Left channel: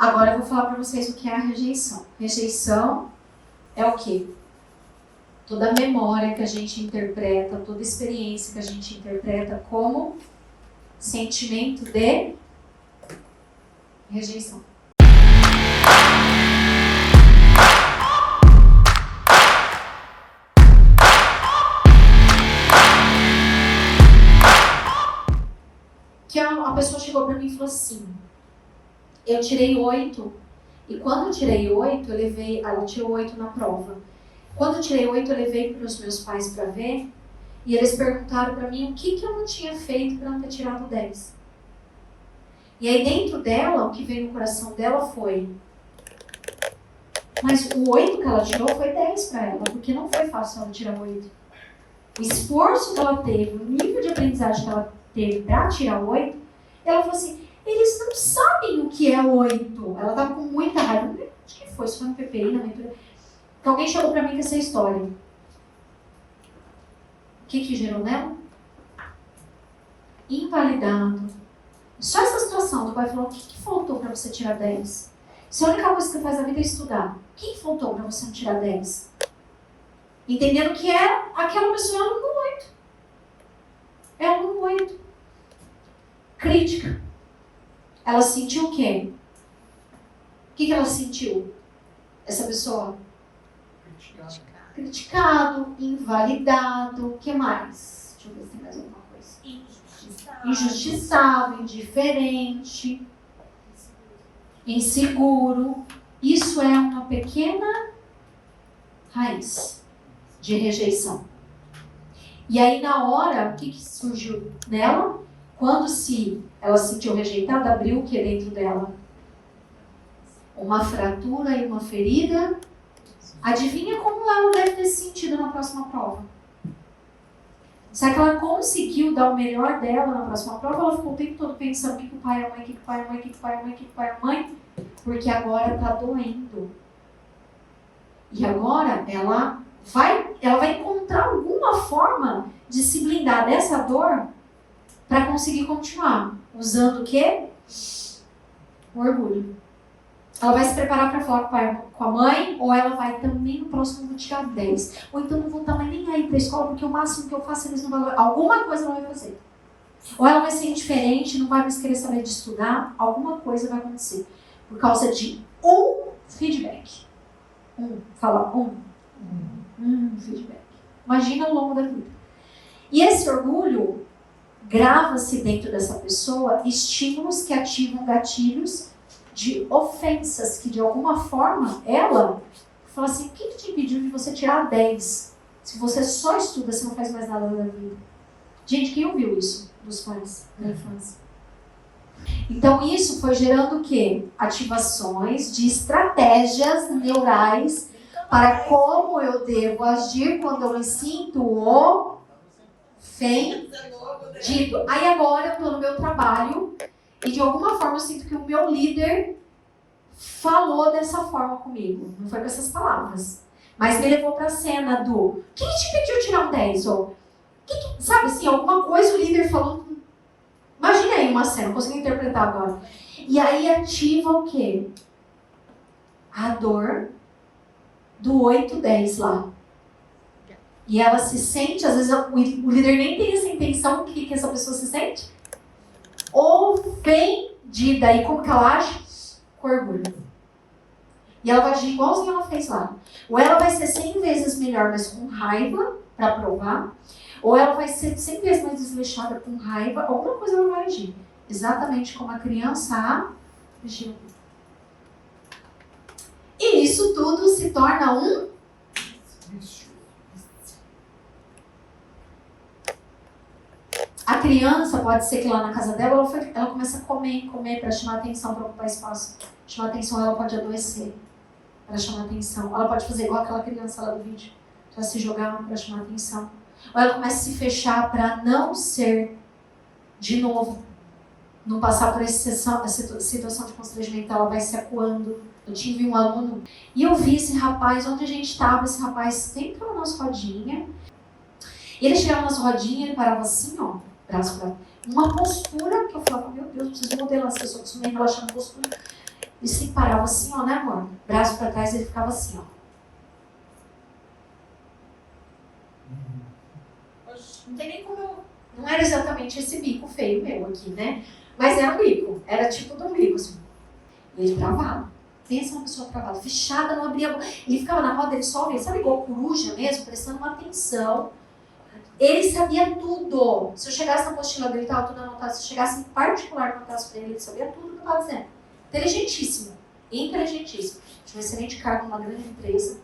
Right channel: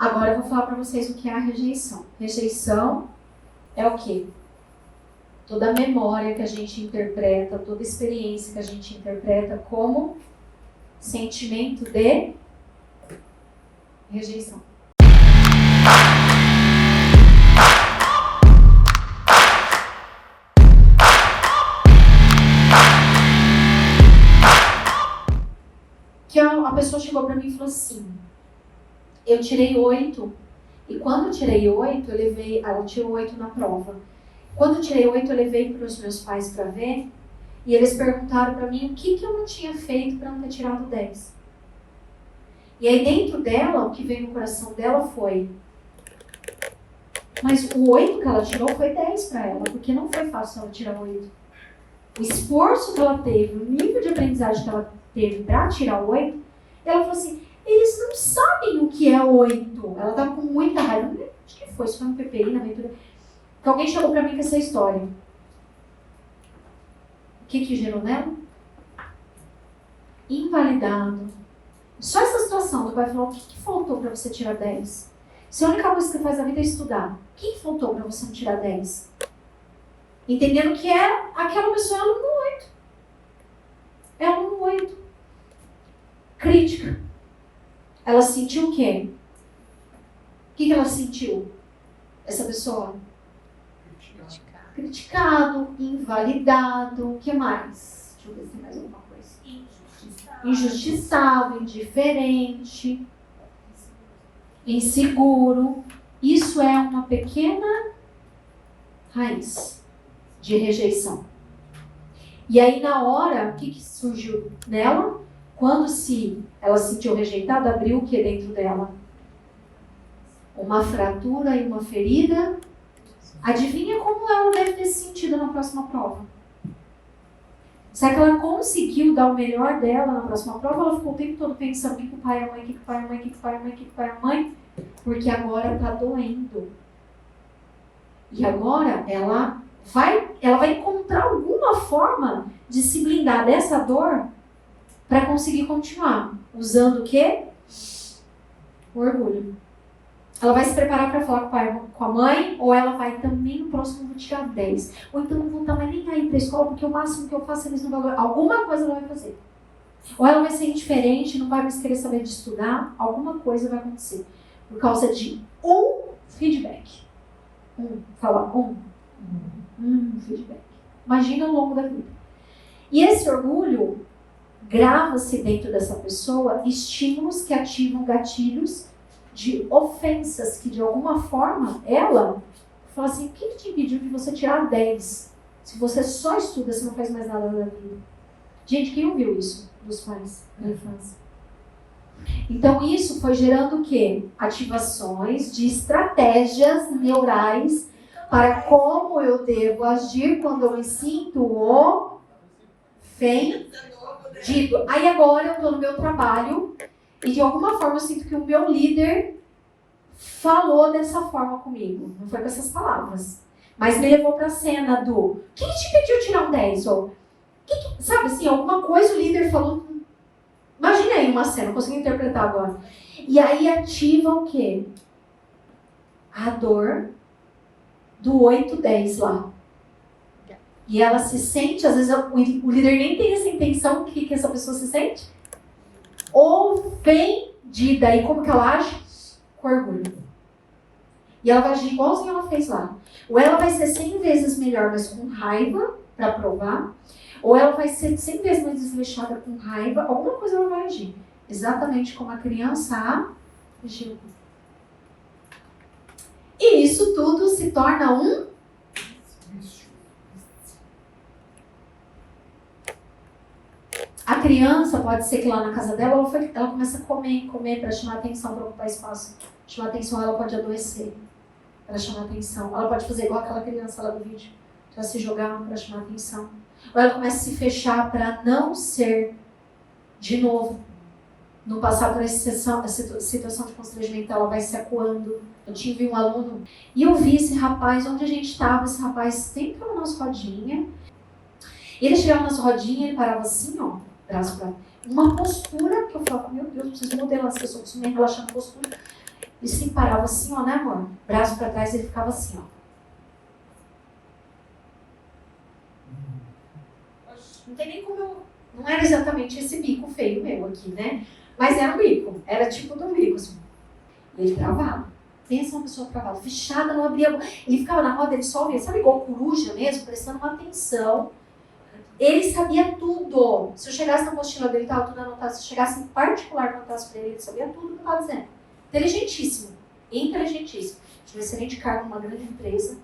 Agora eu vou falar para vocês o que é a rejeição. Rejeição é o quê? Toda memória que a gente interpreta, toda experiência que a gente interpreta como sentimento de rejeição. Que uma pessoa chegou para mim e falou assim, eu tirei 8, e quando eu tirei 8, ela tirou 8 na prova. Quando eu tirei 8, eu levei para os meus pais para ver, e eles perguntaram para mim o que eu não tinha feito para não ter tirado 10. E aí dentro dela, o que veio no coração dela foi, mas o 8 que ela tirou foi 10 para ela, porque não foi fácil ela tirar 8. O esforço que ela teve, o nível de aprendizagem que ela teve para tirar 8, ela falou assim, eles não sabem o que é 8. Ela estava com muita raiva. Acho que foi, isso foi no PPI, na minha... Então alguém chegou para mim com essa história. O que gerou nela? Invalidado. Só essa situação do pai falou, o que faltou para você tirar 10? Se a única coisa que você faz na vida é estudar, o que faltou para você não tirar 10? Entendendo que era aquela pessoa aluno 8. É aluno 8. Crítica. Ela sentiu o quê? O que ela sentiu? Essa pessoa? Criticado, invalidado, o que mais? Deixa eu ver se tem mais alguma coisa. Injustiçado, indiferente, inseguro. Isso é uma pequena raiz de rejeição. E aí na hora, o que surgiu nela? Quando ela se sentiu rejeitada, abriu o que dentro dela? Uma fratura e uma ferida. Adivinha como ela deve ter se sentido na próxima prova? Será que ela conseguiu dar o melhor dela na próxima prova? Ela ficou o tempo todo pensando o que o pai é a mãe, o que o pai é a mãe, o que o pai é a mãe, o que o pai é a mãe? Porque agora está doendo. E agora ela vai encontrar alguma forma de se blindar dessa dor para conseguir continuar. Usando o quê? O orgulho. Ela vai se preparar para falar com o pai, com a mãe, ou ela vai também no próximo vou tirar 10. Ou então não vou estar mais nem aí para a escola, porque o máximo que eu faço eles não vão. Alguma coisa ela vai fazer. Ou ela vai ser indiferente, não vai mais querer saber de estudar, alguma coisa vai acontecer. Por causa de um feedback. Feedback. Imagina ao longo da vida. E esse orgulho grava-se dentro dessa pessoa estímulos que ativam gatilhos de ofensas que de alguma forma ela fala assim, o que te impediu de você tirar 10? Se você só estuda, você não faz mais nada da vida. Gente, quem ouviu isso dos pais da infância? Então isso foi gerando o quê? Ativações de estratégias neurais para como eu devo agir quando eu me sinto ofendido. Aí agora eu estou no meu trabalho e de alguma forma eu sinto que o meu líder falou dessa forma comigo. Não foi com essas palavras. Mas me levou para a cena do o que te pediu tirar um 10? Ou, sabe assim, alguma coisa o líder falou. Imagina aí uma cena, não consigo interpretar agora. E aí ativa o quê? A dor do 8, 10 lá. E ela se sente, às vezes o líder nem tem essa intenção, o que essa pessoa se sente? Ofendida. E como que ela age? Com orgulho. E ela vai agir igualzinho ela fez lá. Ou ela vai ser 100 vezes melhor, mas com raiva, para provar. Ou ela vai ser 100 vezes mais desleixada com raiva. Alguma coisa ela vai agir. Exatamente como a criança agiu. E isso tudo se torna um A criança, pode ser que lá na casa dela, ela começa a comer para chamar atenção, para ocupar espaço. Chamar atenção, ela pode adoecer para chamar atenção. Ela pode fazer igual aquela criança lá do vídeo, para se jogar para chamar atenção. Ou ela começa a se fechar para não ser, de novo, não passar por essa situação de constrangimento, ela vai se acuando. Eu tive um aluno, e eu vi esse rapaz, onde a gente estava, esse rapaz sempre com nas rodinhas. Ele chegava nas rodinhas, ele parava assim, ó, braço pra uma postura que eu falava, meu Deus, eu preciso modelar essa pessoa, preciso me relaxar na postura. Ele se parava assim, ó, né, amor? Braço para trás, ele ficava assim, ó. Não tem nem como eu... Não era exatamente esse bico feio meu aqui, né? Mas era um bico. Era tipo de um bico, assim. E ele travava. Pensa uma pessoa travada, fechada, não abria a boca. Ele ficava na roda, ele só ouvia, sabe, igual coruja mesmo, prestando uma atenção. Ele sabia tudo. Se eu chegasse na apostila dele, estava tudo anotado. Se eu chegasse em particular no traço dele, ele sabia tudo que eu estava dizendo. Inteligentíssimo. Inteligentíssimo. Tinha um excelente cargo numa grande empresa.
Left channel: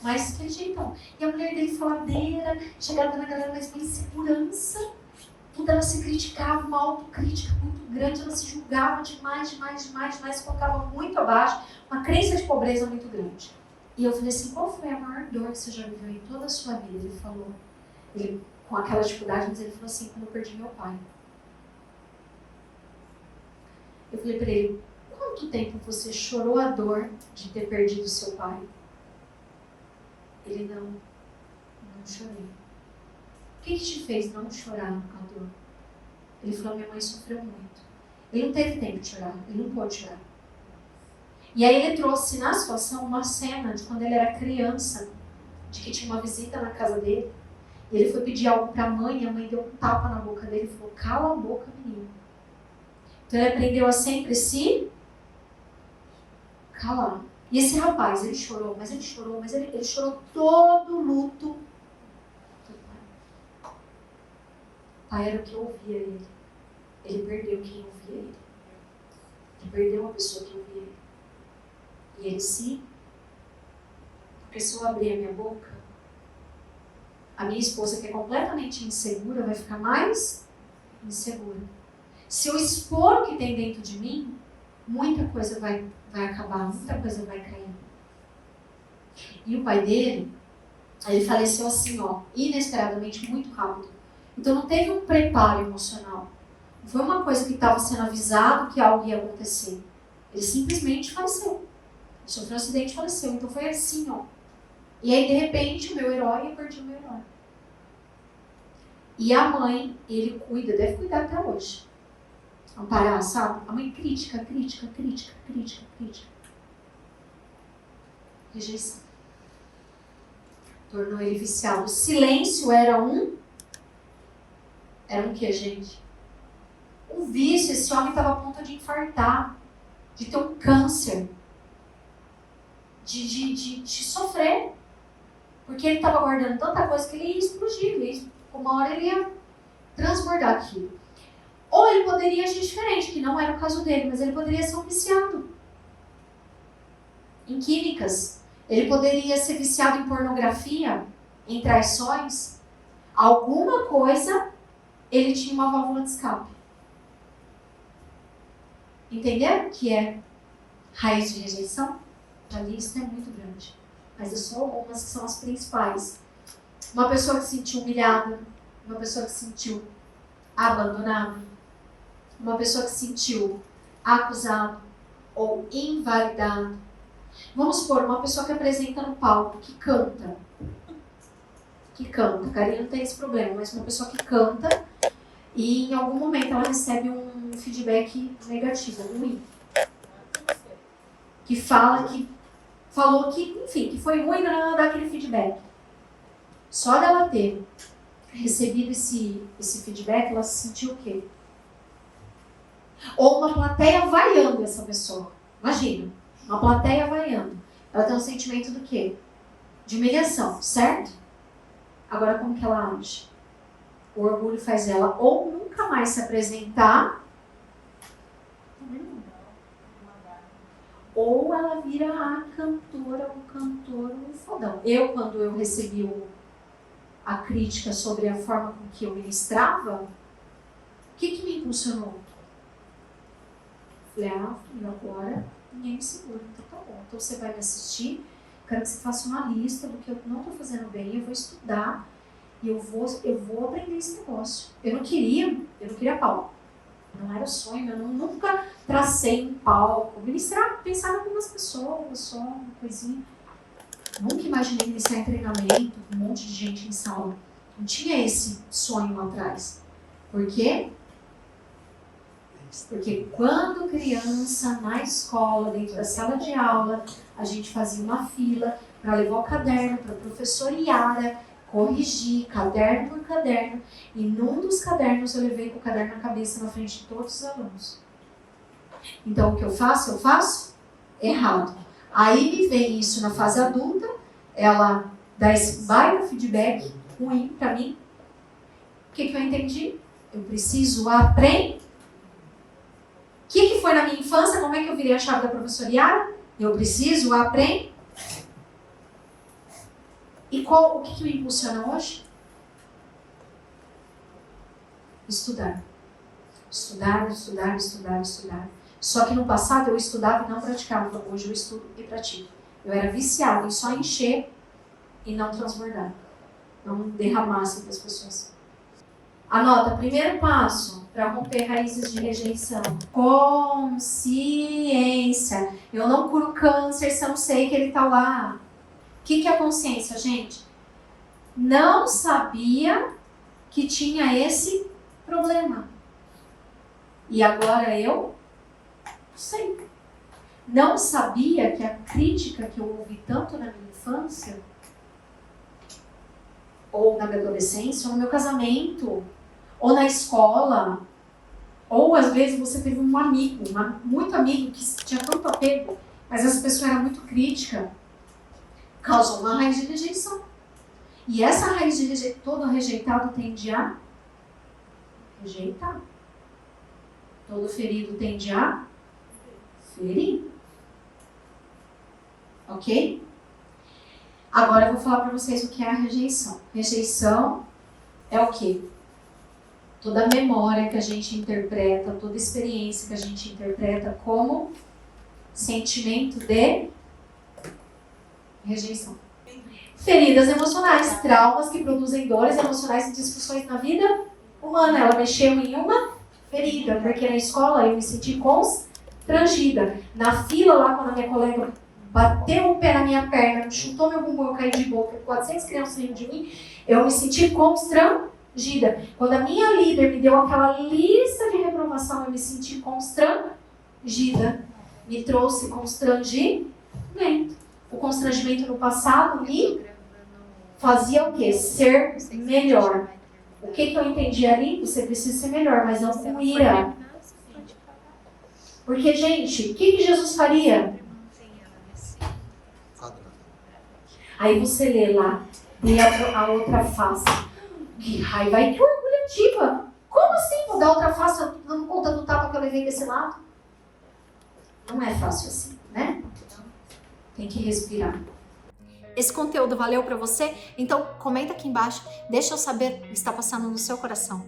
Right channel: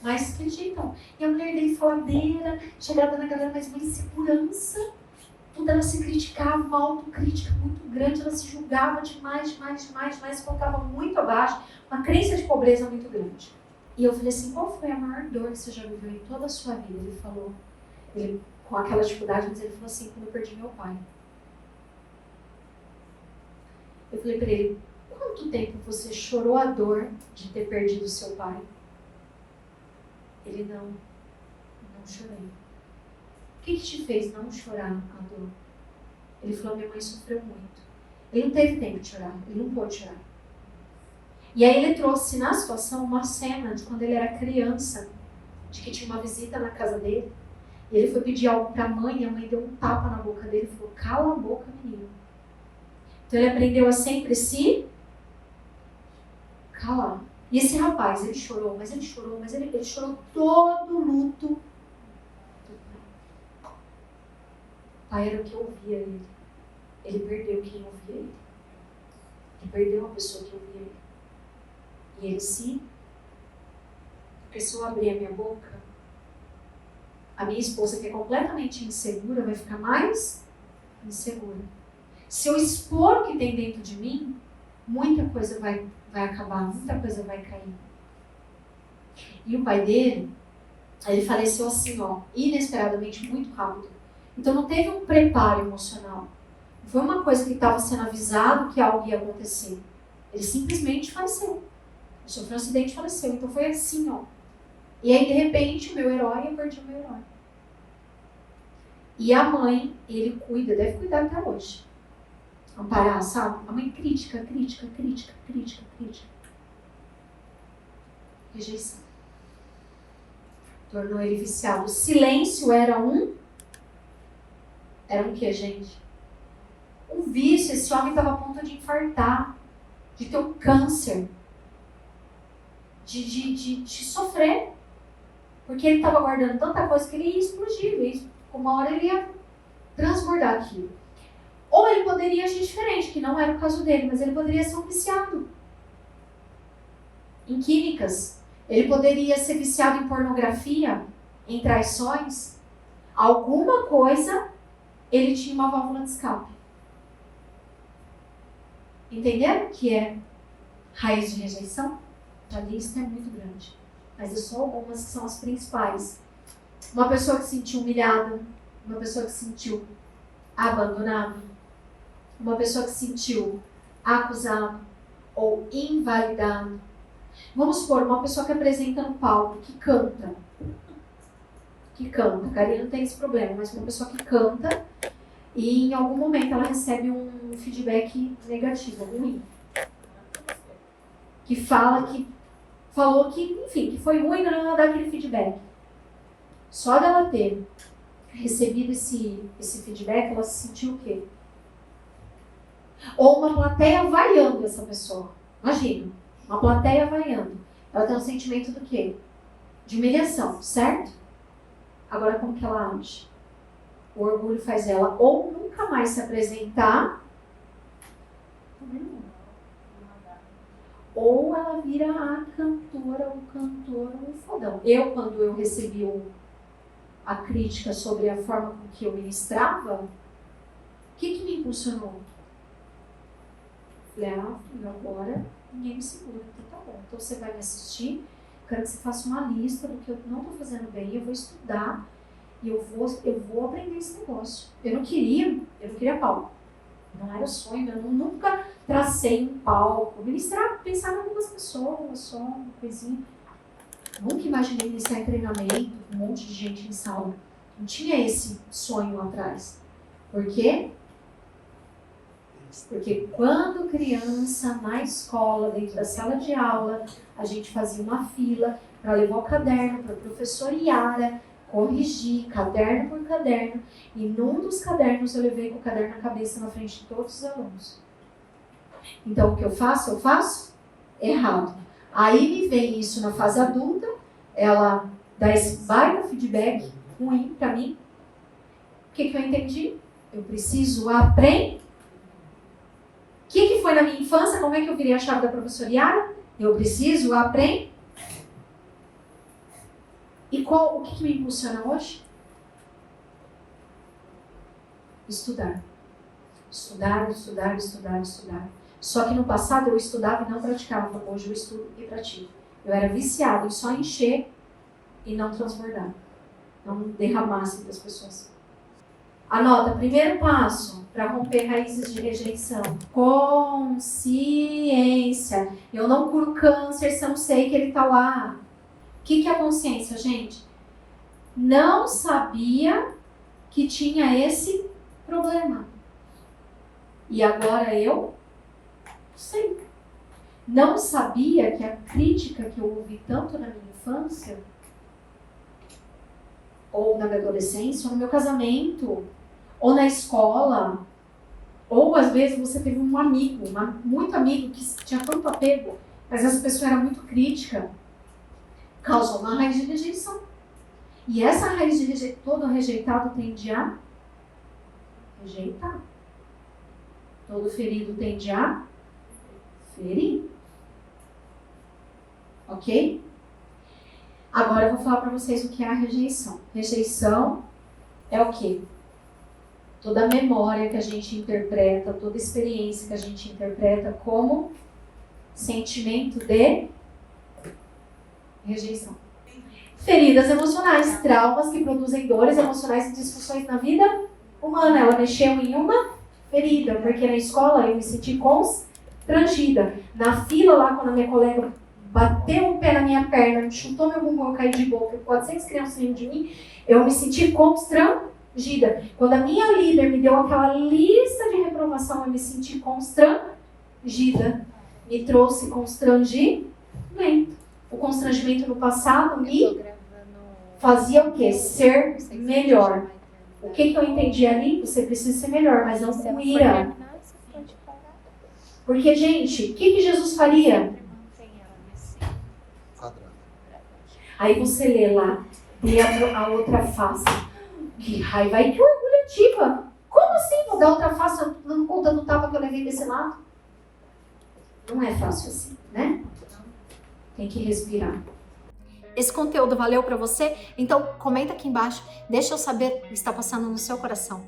Mas que jeitão. E a mulher dele faladeira, chegava na galera, mas uma insegurança. Tudo ela se criticava, uma autocrítica muito grande, ela se julgava demais, se colocava muito abaixo, uma crença de pobreza muito grande. E eu falei assim, qual foi a maior dor que você já viveu em toda a sua vida? Ele falou, ele, com aquela dificuldade, mas ele falou assim, quando eu perdi meu pai. Eu falei para ele, quanto tempo você chorou a dor de ter perdido seu pai? Ele, não chorei. O que te fez não chorar a dor? Ele falou, minha mãe sofreu muito. Ele não teve tempo de chorar, ele não pôde chorar. E aí ele trouxe na situação uma cena de quando ele era criança, de que tinha uma visita na casa dele, e ele foi pedir algo para a mãe, e a mãe deu um tapa na boca dele e falou, cala a boca, menino. Então ele aprendeu a sempre se calar. E esse rapaz, ele chorou todo o luto. Pai era o que ouvia ele. Ele perdeu quem ouvia ele. Ele perdeu uma pessoa que ouvia ele. E ele sim. Porque se eu abrir a minha boca, a minha esposa, que é completamente insegura, vai ficar mais insegura. Se eu expor o que tem dentro de mim, muita coisa vai acabar, muita coisa vai cair. E o pai dele, ele faleceu assim, ó, inesperadamente, muito rápido. Então não teve um preparo emocional. Não foi uma coisa que estava sendo avisado que algo ia acontecer. Ele simplesmente faleceu. Ele sofreu um acidente e faleceu. Então foi assim, ó. E aí, de repente, o meu herói, eu perdi o meu herói. E a mãe, ele cuida, deve cuidar até hoje. Amparar, sabe? A mãe crítica. Rejeição. Tornou ele viciado. O silêncio era um que, gente? Um vício. Esse homem estava a ponto de infartar, de ter um câncer, de sofrer. Porque ele estava guardando tanta coisa que ele ia explodir. Uma hora ele ia transbordar aquilo. Ou ele poderia agir diferente, que não era o caso dele, mas ele poderia ser um viciado em químicas. Ele poderia ser viciado em pornografia, em traições. Alguma coisa, ele tinha uma válvula de escape. Entenderam que é raiz de rejeição? A lista é muito grande. Mas eu só algumas que são as principais. Uma pessoa que se sentiu humilhada, uma pessoa que se sentiu abandonada, uma pessoa que se sentiu acusado ou invalidado. Vamos supor, uma pessoa que apresenta no palco, que canta. A Karine não tem esse problema, mas uma pessoa que canta e em algum momento ela recebe um feedback negativo, ruim. Que falou que, enfim, que foi ruim, não dar aquele feedback. Só dela ter recebido esse feedback, ela se sentiu o quê? Ou uma plateia vaiando essa pessoa. Imagina, uma plateia vaiando. Ela tem um sentimento do quê? De humilhação, certo? Agora, como que ela age? O orgulho faz ela ou nunca mais se apresentar, ou ela vira a cantora, o cantor, o fodão. Quando eu recebi a crítica sobre a forma com que eu ministrava, o que me impulsionou? Falei, agora ninguém me segura, então tá bom. Então você vai me assistir, quero que você faça uma lista do que eu não estou fazendo bem, eu vou estudar e eu vou aprender esse negócio. Eu não queria palco. Não era sonho, eu nunca tracei um palco. Ministrar, pensar em algumas pessoas, só uma coisinha. Nunca imaginei iniciar em treinamento, um monte de gente em sala. Não tinha esse sonho lá atrás. Por quê? Porque quando criança, na escola, dentro da sala de aula, a gente fazia uma fila para levar o caderno para a professora Yara corrigir, caderno por caderno, e num dos cadernos eu levei com o caderno na cabeça na frente de todos os alunos. Então o que eu faço? Eu faço errado. Aí me vem isso na fase adulta, ela dá esse baita feedback ruim para mim. O que eu entendi? Eu preciso aprender. O que foi na minha infância? Como é que eu virei a chave da professora Yara? Eu preciso aprender. E o que me impulsiona hoje? Estudar. Estudar, estudar, estudar, estudar. Só que no passado eu estudava e não praticava. Hoje eu estudo e pratico. Eu era viciada em só encher e não transbordar. Não derramar assim para as pessoas. Anota, primeiro passo para romper raízes de rejeição. Consciência. Eu não curo câncer se eu não sei que ele está lá. O que é consciência, gente? Não sabia que tinha esse problema. E agora eu sei. Não sabia que a crítica que eu ouvi tanto na minha infância, ou na minha adolescência, ou no meu casamento, ou na escola, ou às vezes você teve um amigo, muito amigo que tinha tanto apego, mas essa pessoa era muito crítica, causou uma raiz de rejeição. E essa raiz de rejeição, todo rejeitado tende a rejeitar. Todo ferido tende a ferir. Ok? Agora eu vou falar para vocês o que é a rejeição. Rejeição é o quê? Toda memória que a gente interpreta, toda experiência que a gente interpreta como sentimento de rejeição. Feridas emocionais, traumas que produzem dores emocionais e disfunções na vida humana. Ela mexeu em uma ferida, porque na escola eu me senti constrangida. Na fila lá, quando a minha colega bateu o pé na minha perna, chutou meu bumbum, eu caí de boca, 400 crianças rindo de mim, eu me senti constrangida. Quando a minha líder me deu aquela lista de reprovação, eu me senti constrangida. Me trouxe constrangimento. O constrangimento no passado me fazia o quê? Ser melhor. O que eu entendi ali? Você precisa ser melhor, mas não com ira. Porque, gente, o que Jesus faria? Aí você lê lá, e a outra face. Que raiva e que orgulho ativa. Como assim vou dar outra face dando conta do tapa que eu levei desse lado? Não é fácil assim, né? Tem que respirar. Esse conteúdo valeu para você? Então comenta aqui embaixo, deixa eu saber o que está passando no seu coração.